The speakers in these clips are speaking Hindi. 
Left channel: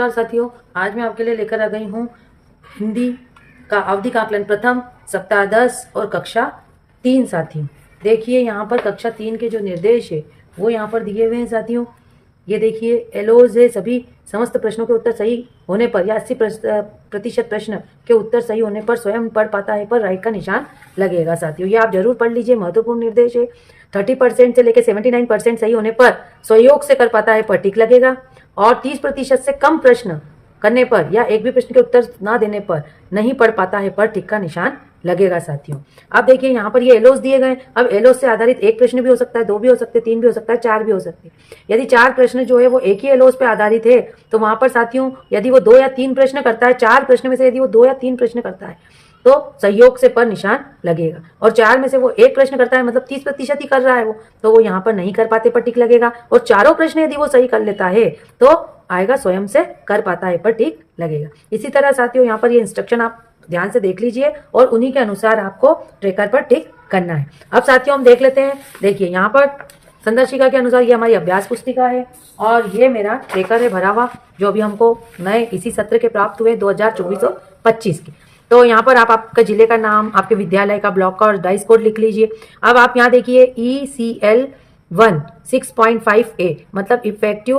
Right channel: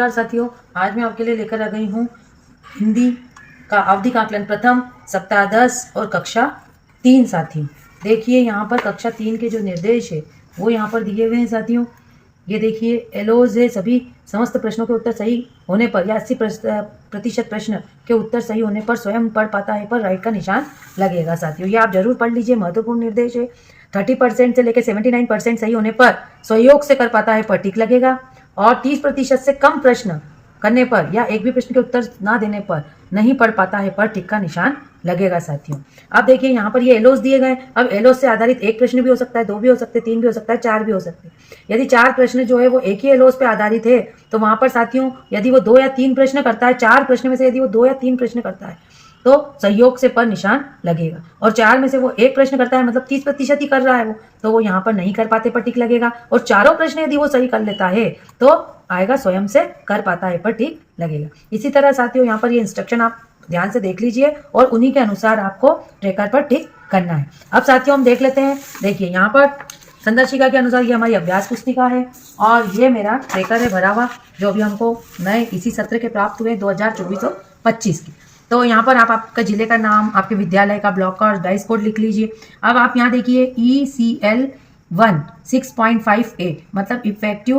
नमस्कार साथियों, आज मैं आपके लिए लेकर आ गई हूँ हिंदी का अवधि का आकलन प्रथम सप्ताह 10 और कक्षा 3 साथियों। देखिए यहाँ पर कक्षा 3 के जो निर्देश है वो यहाँ पर दिए हुए हैं साथियों। ये देखिए एलोज है, सभी समस्त प्रश्नों के उत्तर सही होने पर या 80% प्रश्न के उत्तर सही होने पर स्वयं पढ़ पाता है पर राइट का निशान लगेगा साथियों। ये आप जरूर पढ़ लीजिए, महत्वपूर्ण निर्देश है। 30% से लेकर 79% सही होने पर सहयोग से कर पाता है पर टिक लगेगा और 30% से कम प्रश्न करने पर या एक भी प्रश्न के उत्तर ना देने पर नहीं पढ़ पाता है पर टिक का निशान लगेगा साथियों। अब देखिए यहाँ पर ये एलोस दिए गए। अब एलोस से आधारित एक प्रश्न भी हो सकता है, दो भी हो सकते हैं, तीन भी हो सकता है, चार भी हो सकते हैं। यदि चार प्रश्न जो है वो एक ही एलोस पे आधारित है तो वहां पर साथियों यदि वो 2 या 3 प्रश्न करता है, चार प्रश्न में से यदि वो 2 या 3 प्रश्न करता है तो सहयोग से पर निशान लगेगा और चार में से वो एक प्रश्न करता है मतलब 30% ही कर रहा है वो, तो वो यहाँ पर नहीं कर पाते पर टिक लगेगा। और चारों प्रश्न यदि वो सही कर लेता है तो आएगा स्वयं से कर पाता है पर टिक लगेगा। इसी तरह साथियों यहाँ पर ये इंस्ट्रक्शन आप ध्यान से देख लीजिए और उन्हीं के अनुसार आपको ट्रेकर पर टिक करना है। अब साथियों हम देख लेते हैं। देखिए यहाँ पर संदर्शिका के अनुसार ये हमारी अभ्यास पुस्तिका है और ये मेरा ट्रेकर है भरा हुआ, जो अभी हमको नए इसी सत्र के प्राप्त हुए 2024-25 के। तो यहाँ पर आप आपके जिले का नाम, आपके विद्यालय का, ब्लॉक का और डाइस कोड लिख लीजिए। अब आप यहाँ देखिए ECL 1 6.5A मतलब इफेक्टिव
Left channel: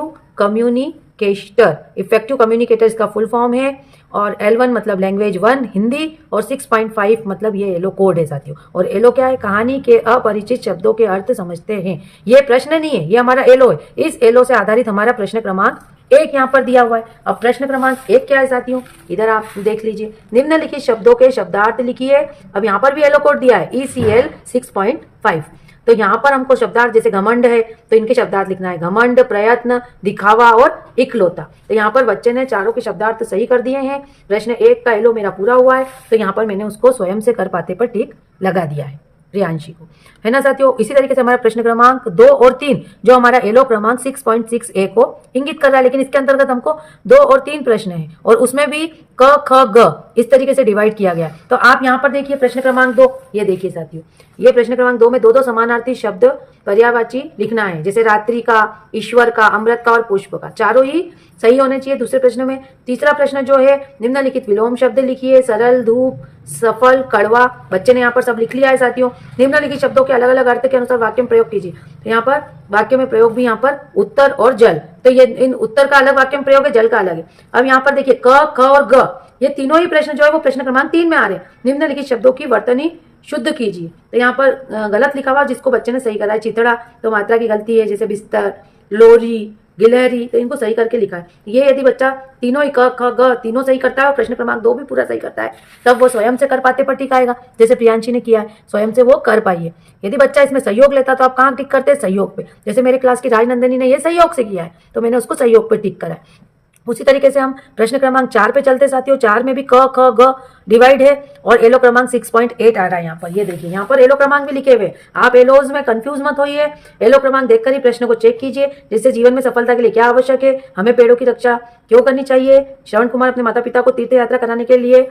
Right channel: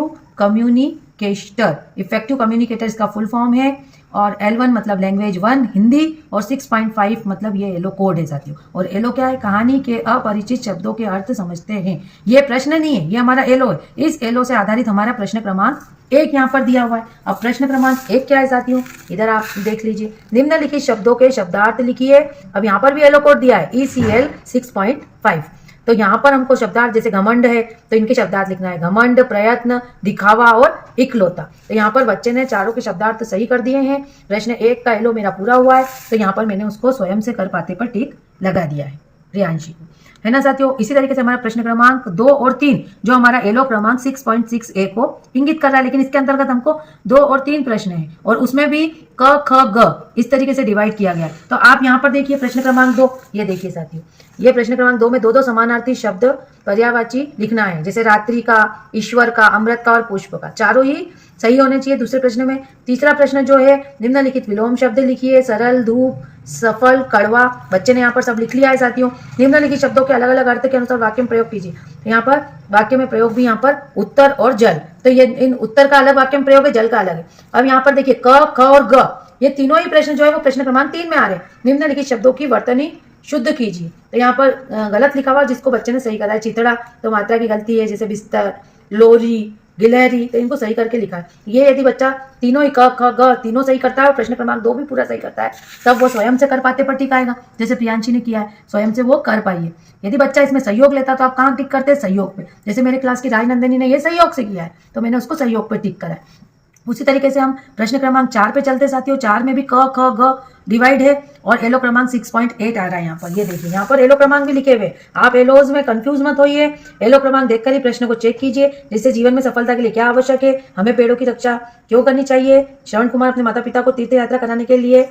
कम्युनिकेटर इसका फुल फॉर्म है और L1 मतलब लैंग्वेज 1 हिंदी और 6.5 मतलब ये एलो कोड है साथियों। और एलो क्या है? कहानी के अपरिचित शब्दों के अर्थ समझते हैं। ये प्रश्न नहीं है, ये हमारा एलो है। इस एलो से आधारित हमारा प्रश्न क्रमांक 1 यहाँ पर दिया हुआ है। अब प्रश्न क्रमांक 1 क्या है साथियों? इधर आप देख लीजिए, निम्नलिखित शब्दों के शब्दार्थ लिखिए। अब यहाँ पर भी एलो कोड दिया है ECL 6.5। तो यहाँ पर हमको शब्दार्थ, जैसे घमंड है तो इनके शब्दार्थ लिखना है घमंड, प्रयत्न, दिखावा और इकलौता। तो यहाँ पर बच्चे ने चारों के शब्दार्थ सही कर दिए हैं। प्रश्न 1 का एलो मेरा पूरा हुआ है तो यहाँ पर मैंने उसको स्वयं से कर पाते पर टिक लगा दिया है रियांशी को, है ना साथियों। इसी तरीके से हमारा प्रश्न क्रमांक 2 और 3 जो हमारा एलो क्रमांक 6.6A को इंगित कर रहा है, लेकिन इसके अंतर्गत हमको 2 और 3 प्रश्न है और उसमें भी क ख ग इस तरीके से डिवाइड किया गया। तो आप यहाँ पर देखिए प्रश्न क्रमांक 2, ये देखिए साथियों, ये प्रश्न क्रमांक 2 में 2 समानार्थी शब्द पर्यायवाची लिखना है, जैसे रात्रि का, ईश्वर का, अमृत का और पुष्प का। चारों ही सही होने चाहिए दूसरे प्रश्न में। तीसरा प्रश्न जो है निम्नलिखित विलोम शब्द लिखिए, सरल, धूप, सफल, कड़वा। बच्चे ने यहाँ पर सब लिख लिया है साथियों। निम्नलिखित शब्दों के अलग अलग अर्थ के अनुसार वाक्य में प्रयोग कीजिए। तो यहाँ पर वाक्य में प्रयोग भी यहाँ पर उत्तर और जल, तो ये इन उत्तर का अलग वाक्य में प्रयोग है, जल का अलग है। अब यहाँ पर देखिए क, ख और ग, ये तीनों ही प्रश्न जो है वो प्रश्न क्रमांक 3 में आ रहे हैं। निम्नलिखित शब्दों की वर्तनी शुद्ध कीजिए। तो यहाँ पर गलत लिखा हुआ जिसको बच्चे ने सही करा है, चितड़ा तो मात्रा की गलती है, जैसे बिस्तर, लोरी, गिलहरी, तो इनको सही करके लिखा है। ये यदि बच्चा तीनों ही क ख ग तीनों सही करता है और प्रश्न क्रमांक 2 भी पूरा सही करता है तब वो स्वयं से कर पाते पर टिक आएगा, जैसे प्रियांशी ने किया है, स्वयं से वो कर पाइए। यदि बच्चा इसमें सहयोग लेता तो आप कहाँ टिक करते? सहयोग पे। जैसे मेरे क्लास की राजनंदिनी ने ये सहयोग से किया है तो मैंने उसको सहयोग पे टिक करा है। उसी तरीके से हम प्रश्न क्रमांक 4 पे चलते साथियों। 4 में भी क ख ग डिवाइड है और एलो क्रमांक 6.8 आ रहा है यहाँ पर। ये देखिए यहाँ पर एलो क्रमांक भी लिखे हुए। आप एलोज में कंफ्यूज मत होइए, एलो क्रमांक देखकर ही प्रश्न को चेक कीजिए। जैसे जीवन में सफलता के लिए क्या आवश्यक है, हमें पेड़ों की रक्षा क्यों करनी चाहिए, श्रवण कुमार अपने माता पिता को तीर्थ यात्रा कराने के लिए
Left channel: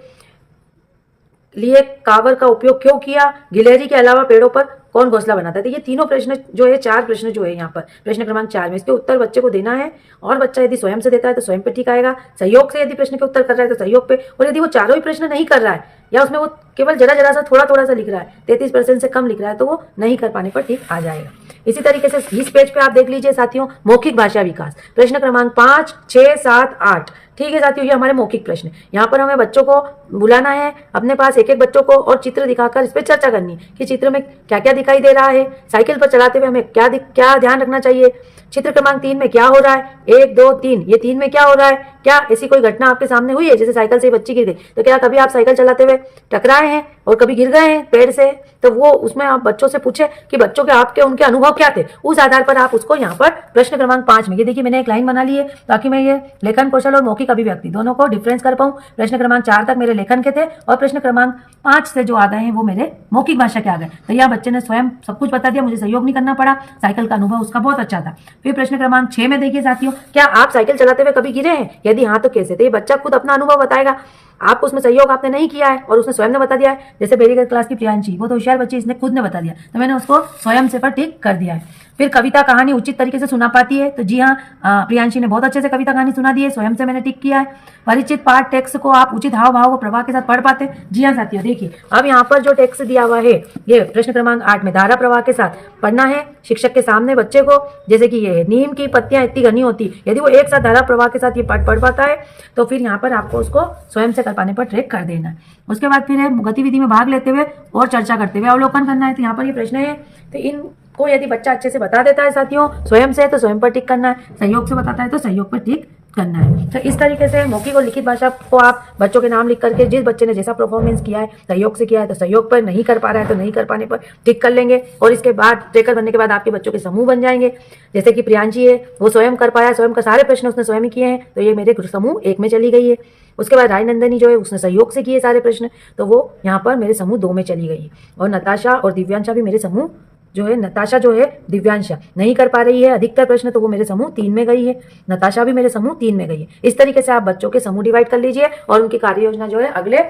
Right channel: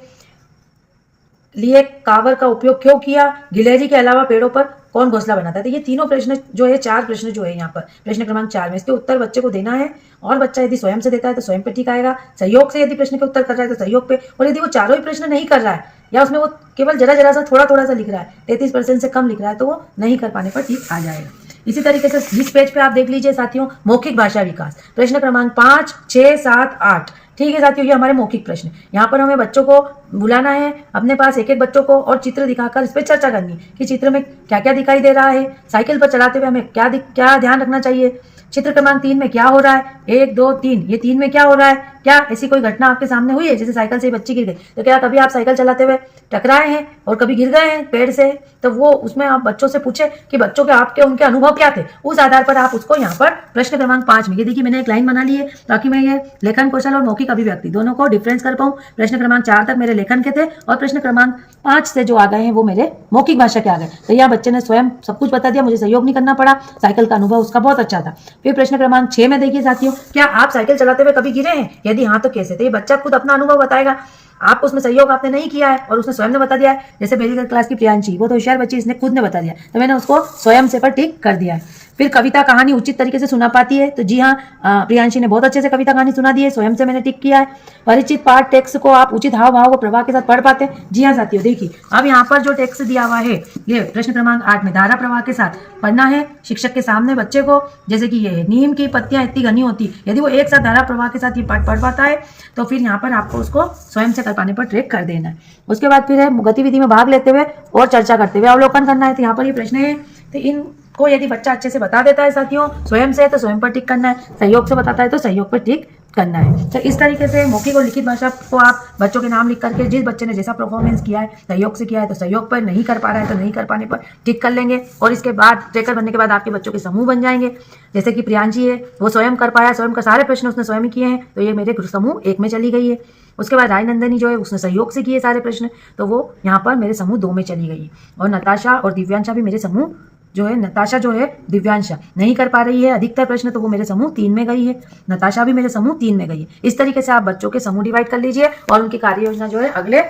कांवर का उपयोग क्यों किया, गिलहरी के अलावा पेड़ों पर कौन घोंसला बनाता है। तो ये तीनों प्रश्न जो है, 4 प्रश्न जो है यहाँ पर प्रश्न क्रमांक 4 में, इसके उत्तर बच्चे को देना है और बच्चा यदि स्वयं से देता है तो स्वयं पे टिक आएगा, सहयोग से यदि प्रश्न के उत्तर कर रहा है तो सहयोग पे, और यदि वो चारों ही प्रश्न नहीं कर रहा है या उसमें वो केवल जरा सा थोड़ा सा लिख रहा है, 33% से कम लिख रहा है, तो वो नहीं कर पाने पर ठीक आ जाएगा। इसी तरीके से इस पेज पे आप देख लीजिए साथियों, मौखिक भाषा विकास प्रश्न क्रमांक 5, 6, 7, 8। ठीक है साथियों, ये हमारे मौखिक प्रश्न। यहाँ पर हमें बच्चों को बुलाना है अपने पास, एक एक बच्चों को, और चित्र दिखाकर इस पर चर्चा करनी है कि चित्र में क्या क्या दिखाई दे रहा है, साइकिल पर चलाते हुए हमें क्या ध्यान रखना चाहिए, चित्र क्रमांक 3 में क्या हो रहा है, 1, 2, 3 ये 3 में क्या हो रहा है, क्या ऐसी कोई घटना आपके सामने हुई है, जैसे साइकिल से बच्ची गिर गई, तो क्या कभी आप साइकिल चलाते हुए टकराए हैं और कभी गिर गए हैं पेड़ से, तो वो उसमें आप बच्चों से पूछे कि बच्चों के आपके उनके अनुभव क्या थे, उस आधार पर आप उसको यहाँ पर प्रश्न क्रमांक 5 में, ये देखिए मैंने एक लाइन बना ली है ताकि मैं ये लेखन कौशल और मौखिक अभिव्यक्ति दोनों को डिफरेंस कर पाऊं। प्रश्न क्रमांक 4 तक मेरे लेखन के थे और प्रश्न क्रमांक 5 से जो आ गए हैं वो मेरे मौखिक भाषा के आ गए। तो यह बच्चे ने स्वयं सब कुछ बता दिया, मुझे सहयोग नहीं करना पड़ा, साइकिल का अनुभव उसका बहुत अच्छा था। फिर प्रश्न क्रमांक 6 में देखिए साथियों, क्या आप साइकिल चलाते हुए कभी गिरे हैं, यदि हाँ तो कैसे। तो ये बच्चा खुद अपना अनुभव बताएगा, आपको उसमें सहयोग आपने नहीं किया है और उसने स्वयं ने बता दिया है। जैसे मेरी क्लास की प्रियांशी, वो तो होशियार बच्ची, इसने खुद ने बता दिया, तो मैंने उसको स्वयं से पर टिक कर दिया है। फिर कविता कहानी उचित तरीके से सुना पाती है, तो जी हाँ, प्रियांशी ने बहुत अच्छे से कविता कहानी सुना दी है, स्वयं से मैंने टिक किया है। परिचित पाठ टेक्स्ट को आप उचित हाव भाव व प्रवाह के साथ पढ़ पाते हैं, जी हाँ साथियों। देखिए अब यहाँ पर जो टेक्स्ट दिया हुआ है, ये प्रश्न क्रमांक 8 में धारा प्रवाह के साथ पढ़ना है शिक्षक के सामने बच्चे को। जैसे कि ये नीम की पत्तियां इतनी घनी होती, यदि वो एक साथ धारा प्रवाह के साथ ये पाठ पढ़ पाता है तो फिर यहाँ पर आपको उसको स्वयं से कर पाने पर ट्रैक कर देना है। उसके बाद फिर है गतिविधि में भाग लेते हुए और चर्चा करते हुए अवलोकन करना है। तो यहाँ पर ये प्रश्न है, तो इनको यदि बच्चा अच्छे से बता देता है साथियों स्वयं से, तो स्वयं पर टिक करना है, सहयोग से बताता है तो सहयोग पर टिक करना है। तो इस तरीके से मौखिक और लिखित भाषा को आप बच्चों के नाम लिख करके, जिस बच्चे ने जैसा परफॉर्मेंस किया है, सहयोग से किया है तो सहयोग पर, नहीं कर पा रहा है तो नहीं कर पाने पर टिक कर लेंगे। और इसके बाद ट्रेकर बनने के बाद आपके बच्चों के समूह बन जाएंगे। जैसे कि प्रियांशी है, वो स्वयं कर पाया, स्वयं का सारे प्रश्न उसने स्वयं ही किए हैं, तो ये मेरे समूह 1 में चली गई है। उसके बाद राजनंदनी जो है उसने सहयोग से किए सारे प्रश्न, तो वो यहाँ पर मेरे समूह 2 में चली गई है। और नताशा और दिव्यांशा भी मेरे समूह जो है, नताशा जो है दिव्यांशा नहीं कर पा रही है अधिकतर प्रश्न, तो वो मेरे समूह 3 में गई है। नताशा भी मेरे समूह 3 में गई है। इस तरीके से आप बच्चों के समूह डिवाइड कर लीजिए और उनकी कार्य योजना जो है अगले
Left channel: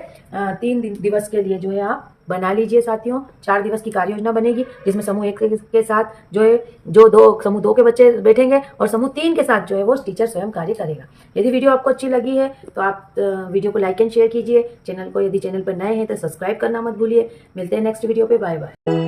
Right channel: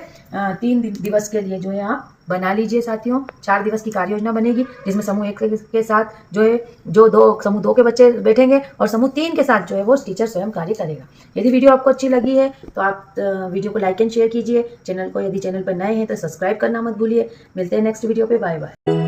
3 दिवस के लिए जो है आप बना लीजिए साथियों। 4 दिवस की कार्य योजना बनेगी, जिसमें समूह 1 के साथ जो है समूह 2 के बच्चे बैठेंगे और समूह 3 के साथ जो है वो टीचर स्वयं कार्य करेगा। यदि वीडियो आपको अच्छी लगी है तो आप वीडियो को लाइक एंड शेयर कीजिए। चैनल को, यदि चैनल पर नए हैं तो सब्सक्राइब करना मत भूलिए। मिलते हैं नेक्स्ट वीडियो पे, बाय बाय।